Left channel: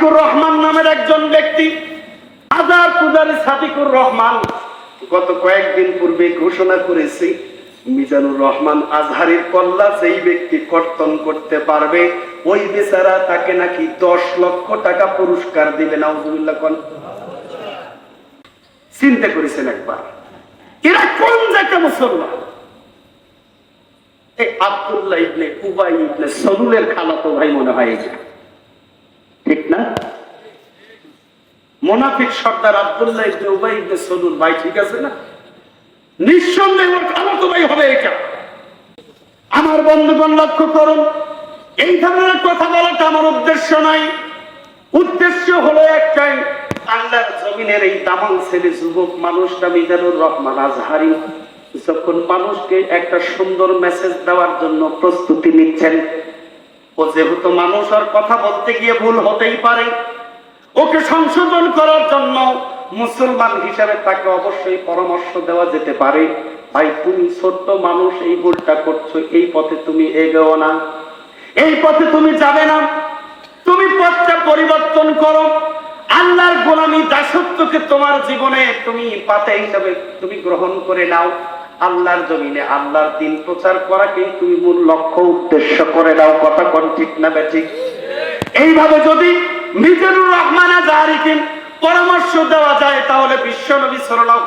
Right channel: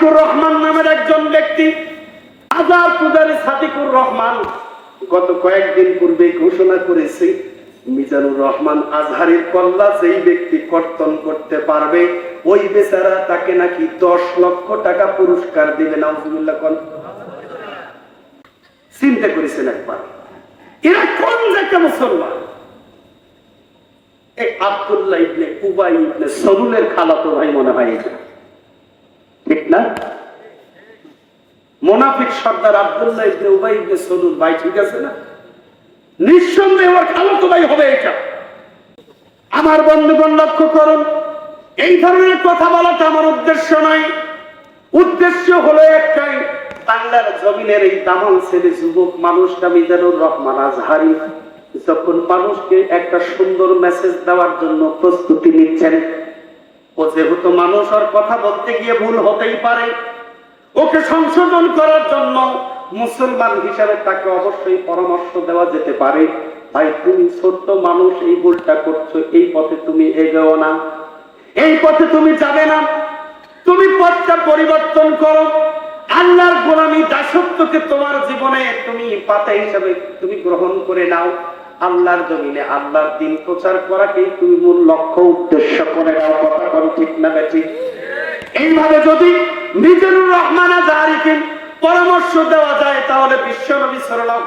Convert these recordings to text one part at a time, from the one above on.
সাদিকুর রহমান নামের একজন ব্যক্তি, হাজার পূজারী সাদিকুর রহমান, গত কয়েকদিন পূর্বে ঘোষণা করেছে, মিজানুর রহমান আজহারের কল্লা যেই ব্যক্তি কর্তন করতে পারবে, ওই বেচারা তাকে নাকি দশ লক্ষ টাকা পুরস্কার দিবে কন। চিন্তা করেছেন একবার, এরা কোন জায়গা মুসলমান? এই আব্দুল্লাহ ইবনে উবাই ইবনে সরুলের খালাতো ভাই মনে হয় না? মোনাফিক সর্দার আব্দুল্লাহ ইবনে উবাই ইবনে সলুল ভাই ঠিক আছে না? নিঃসন্দেহে খালাতো ভাই হবে এটা। আমার বন্ধুগণ লক্ষ্য করুন, এই ধরনের কথা বলাটা আমার উদ্দেশ্য নয়। উদ্দেশ্য হলো একটাই, বাংলার জমিনের এই দামাল ছেলে যুবক মানুষটা মিজানুর রহমান আজহারি যখন মানুষকে একটা সুন্দর মেসেজ দেওয়ার জন্য প্রস্তুতি নিচ্ছেন ও যেহেতু মানুষ আর কথা বলতে গিয়ে ভুল হতেই পারে, ওকে সংশোধন করার জন্য মুসলমান হিসাবে তাকে অবশ্যই পরামর্শ দেওয়া যেতে পারে। ভাই, তুমি ছোট্ট মানুষ, এই ভুলটা করছ, এই পথে তুমি এগোও না। এই পথে তুমি যাবে না। তুমি পথটা পরিবর্তন করো। আল্লাহর গোলামী দাসত্বকে তোমার জীবনে তুমি পাতা হিসাবে তুমি গ্রহণ করে নাও। আল্লাহর জমিনে আল্লাহর দিন প্রচার করাকেই তুমি মূল লক্ষ্য, উদ্দেশ্য করে দাও। কথা কোন ঠিক না বেঠিক? এইভাবে যদি মিজানুর রহমান আজহারিকে পরামর্শ দেওয়া যায়, তাহলে বিশ্ব নবী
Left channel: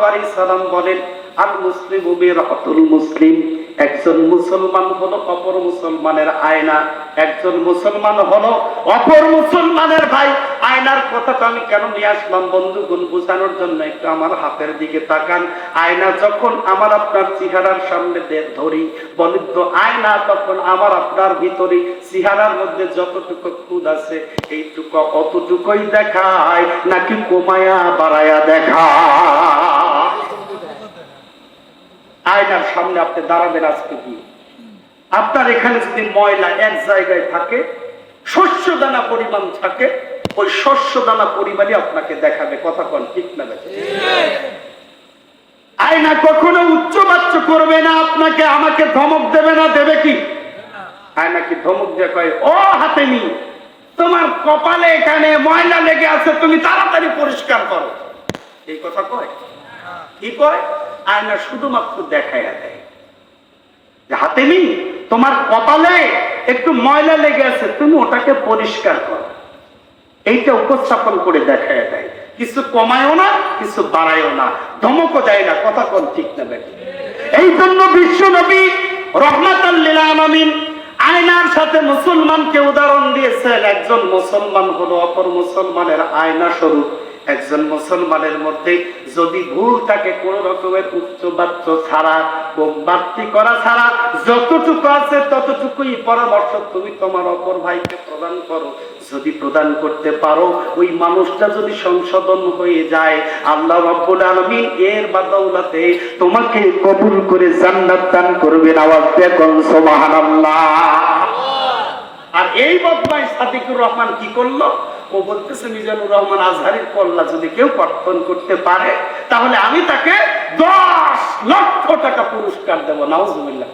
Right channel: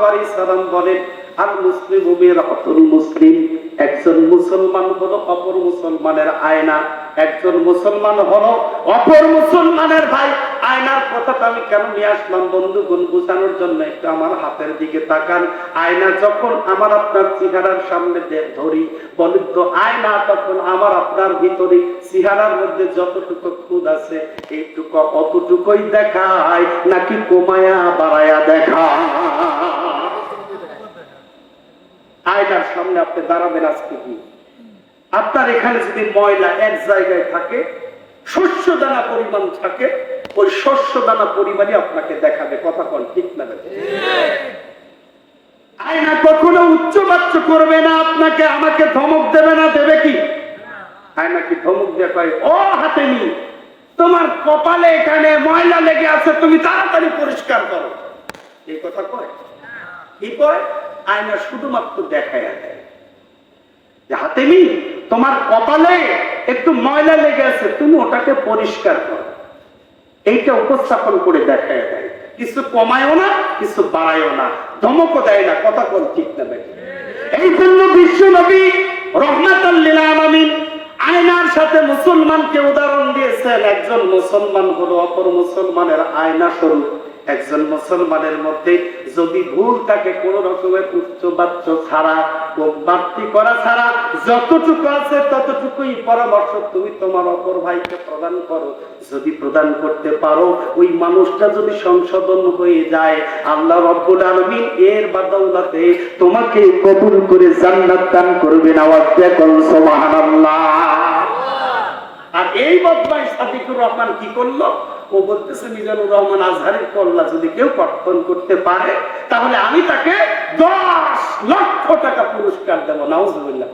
আলাইহি বলেন আল মুসলিম রাহতুল মুসলিম। একজন মুসলমান হলো অপর মুসলমানের আয়না, একজন মুসলমান হলো অপর মুসলমানের ভাই। আয়নার কথাটা আমি কেন নিয়ে আসলাম বন্ধুগণ বোঝানোর জন্য একটু আমার হাতের দিকে তাকান। আয়না যখন আমার আপনার চেহারার সামনে ধরি বলেন তো আয়না তখন আমার আপনার ভিতরে চেহারার মধ্যে যতটুকু খুদ আছে, এইটুকু অতটুকুই দেখায়, নাকি কমায়া বাড়ায়া সামনে আপনি দাঁড়াবেন আজকে কি আপনার এখানে যদি ময়লা এক জায়গায় থাকে শস্য দানা পরিমাণ থাকে, ওই শস্য দানা পরিমাণই আপনাকে দেখাবে। কথা কন ঠিক না আয়না কখনো উচ্চ বাচ্চ করবে না, আপনাকে আমাকে ধমক দেবে না, দেবে কি? আয়না কি ধমক দিয়ে কয়, ও হাতে নি তোমার কপালে এখানে ময়লা লেগে আছে, তুমি তাড়াতাড়ি পরিষ্কার করো। এই কথা কয়? কি কয় আয়না শুধুমাত্র দেখায় দেয়। যে হাতে নি তোমার কপালে একটু ময়লা লেগে আছে, তুমি ওটাকে পরিষ্কার করো। এইটা উপস্থাপন করে দেখায় দেয়। কিছু কমায়ও না, কিছু বাড়ায়ও না। ধমকও দেয় না, কথা কোন ঠিক না এই জন্য বিশ্ব নবী রহমাতাল্লিল আলামিন আয়নার সাথে মুসলমানকে উদাহরণ দিয়েছেন একজন মুসলমান হলো, অপর মুসলমানের আয়না স্বরূপ। একজন মুসলমানের মধ্যে যদি ভুল থাকে, কোন রকমের উচ্চ বাচ্চ ছাড়া করা ছাড়া, যতটুকু আছে ততটুকুই পরামর্শ তুমি তোমার অপর ভাইকে প্রদান করো। যদি প্রদান করতে পারো, ওই মানুষটা যদি সংশোধন হয়ে যায়, আল্লাহ রব্বুল আলামিন এর বাদৌলাতে তোমাকে কবুল করে জান্নাত দান করবেন। আওয়াজ দিয়ে করুন সুবহানাল্লাহ। আর এই বদমাই সাদিকুর রহমান কি করল? ও বলতেছে, মিজানুর রহমান আজহারের কল্লা যদি কেউ কর্তন করতে পারে, তাহলে আমি তাকে দশ লক্ষ টাকা পুরস্কার দেবো, নাউজুবিল্লাহ।